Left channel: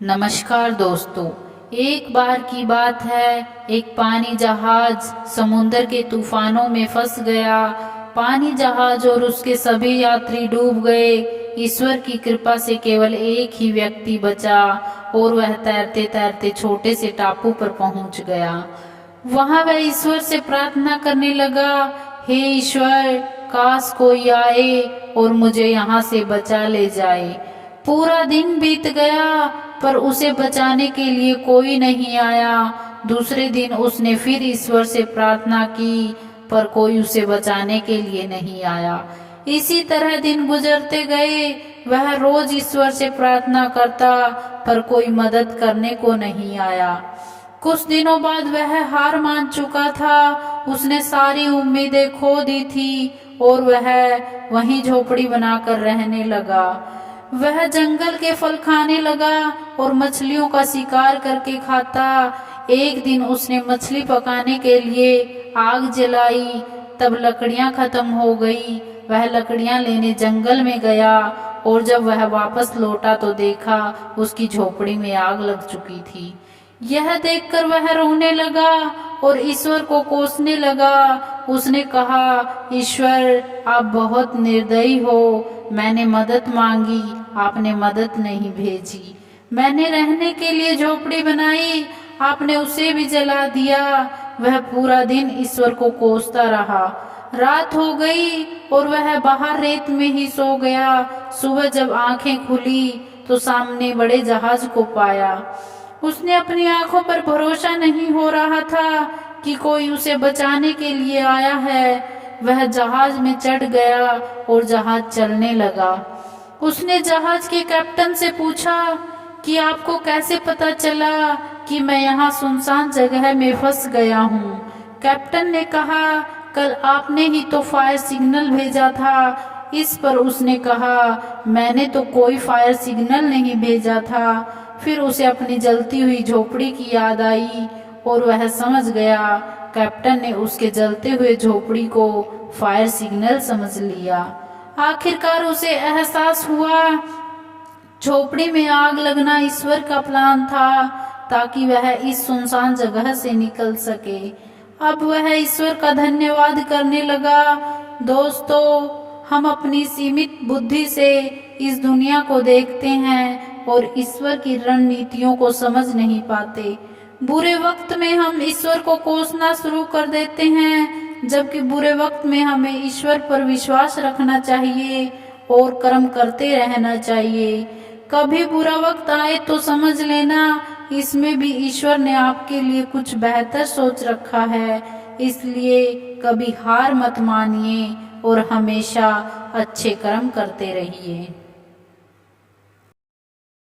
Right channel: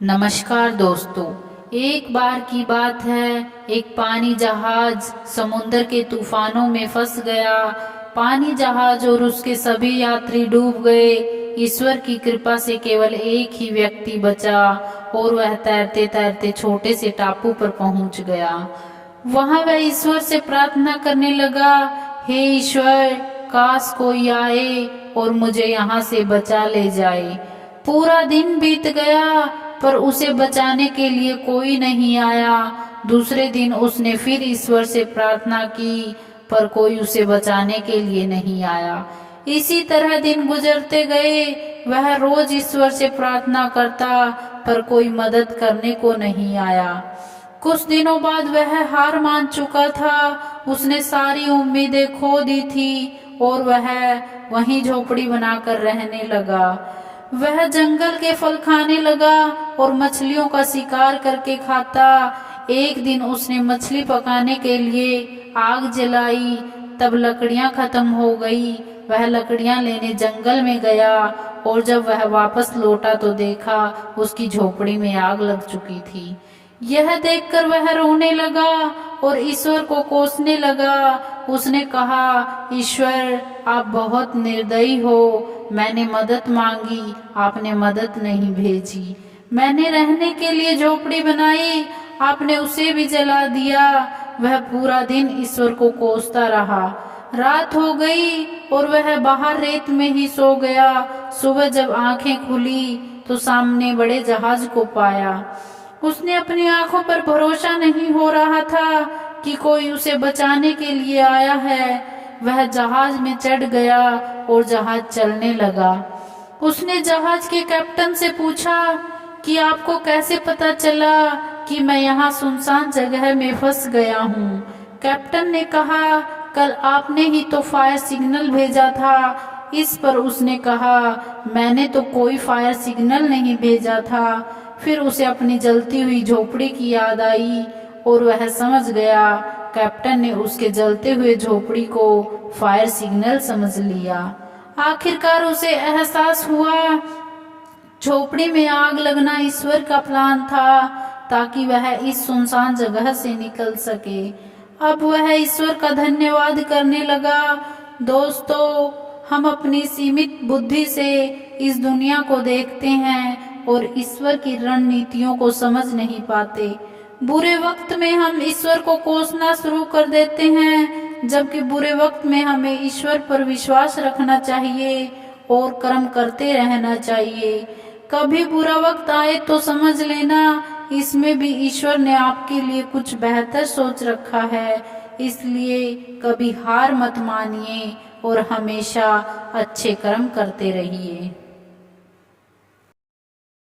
नमस्कार दोस्तों। एक बार की बात है, एक पानी जहाज समुद्र के तूफानों में फंस गया। पानी जहाज और उसके सभी यात्री डूब गए। ईश्वर की कृपा से केवल एक ही व्यक्ति बचा और वह तैरते तैरते छोटे से टापू पर पहुंच गया। वहां वह ईश्वर से प्रार्थना करने लगा, हे ईश्वर, काश कोई आए और मुझे यहाँ से बचा ले जाए। पूरा दिन बीत गया पर उसे बचाने के लिए कोई नहीं आया। दूसरे दिन उसने फिर ईश्वर से प्रार्थना की पर कोई उसे बचाने के लिए नहीं आया। इसी तरह दिन गुजरते गए। वह रोज ईश्वर से प्रार्थना करता पर कोई मदद करने को नहीं आया। कुछ दिनों बाद वह हार मान चुका था। उसने सारी उम्मीदें खो दी थी और वह वहीं झोपड़ी बनाकर रहने लगा। वह जंगल के फल खाने लगा और मछलियों का शिकार करके खाता। एक दिन उसने मछली पकाने के लिए आग जलाई, तब लकड़ियां खत्म हो गई। वह लकड़ियां लेने जंगल में गया और जब वह वापस लौटा तो देखा उसकी झोपड़ी में आग लग चुकी थी। यह देखकर वह रोने लगा और ईश्वर को कोसने लगा। उसने कहा, ईश्वर, आप बहुत निर्दयी हो। मैंने मदद मांगी, आपने मदद नहीं भेजी। मैंने रहने के लिए झोपड़ी बनाई, आपने उसे भी जला दिया। वह पूरा दिन ईश्वर को कोसता रहा। रात हो गई और वह बाहर रेत में ही सो गया। सुबह जब आंखें खुली तो सामने बड़े जहाज को पाया। उसने अपनी आंखों पर भरोसा नहीं हो रहा था कि कोई उसे बचाने के लिए आया है। वह जहाज में चढ़ गया और जहाज चलने लगा। उसने जहाज के कैप्टन से पूछा कि आपको कैसे पता चला कि मैं यहाँ सुनसान जगह में फंस गया हूँ। कैप्टन ने कहा, कल आपने ही तो फायर सिग्नल भेजा था। इस पर उसने कहा, मैंने तो कोई फायर सिग्नल नहीं भेजा था। फिर उसे अपनी जलती हुई झोपड़ी की याद आई और वह समझ गया कैप्टन ने उसके जलते हुए झोपड़ी को फायर सिग्नल समझ लिया। आखिरकार उसे एहसास हुआ झोपड़ी में आग लगना ईश्वर का प्लान था ताकि वह इस सुनसान जगह से निकल सके। अब वह ईश्वर का धन्यवाद करने लगा। दोस्तों, हम अपनी सीमित बुद्धि से इस दुनिया को देखते हैं और ईश्वर की रणनीतियों को समझ नहीं पाते। बुरे वक्त में हम ईश्वर को कोसना शुरू कर देते हैं, जबकि बुरे वक्त में हमें ईश्वर पर विश्वास रखना चाहिए और कर्म करते रहना चाहिए। कभी बुरा वक्त आए तो समझ लेना इसमें भी ईश्वर ने आपके लिए कुछ बेहतर सोच रखा है। इसलिए कभी हार मत मानिए और हमेशा अच्छे कर्म करते रहिए।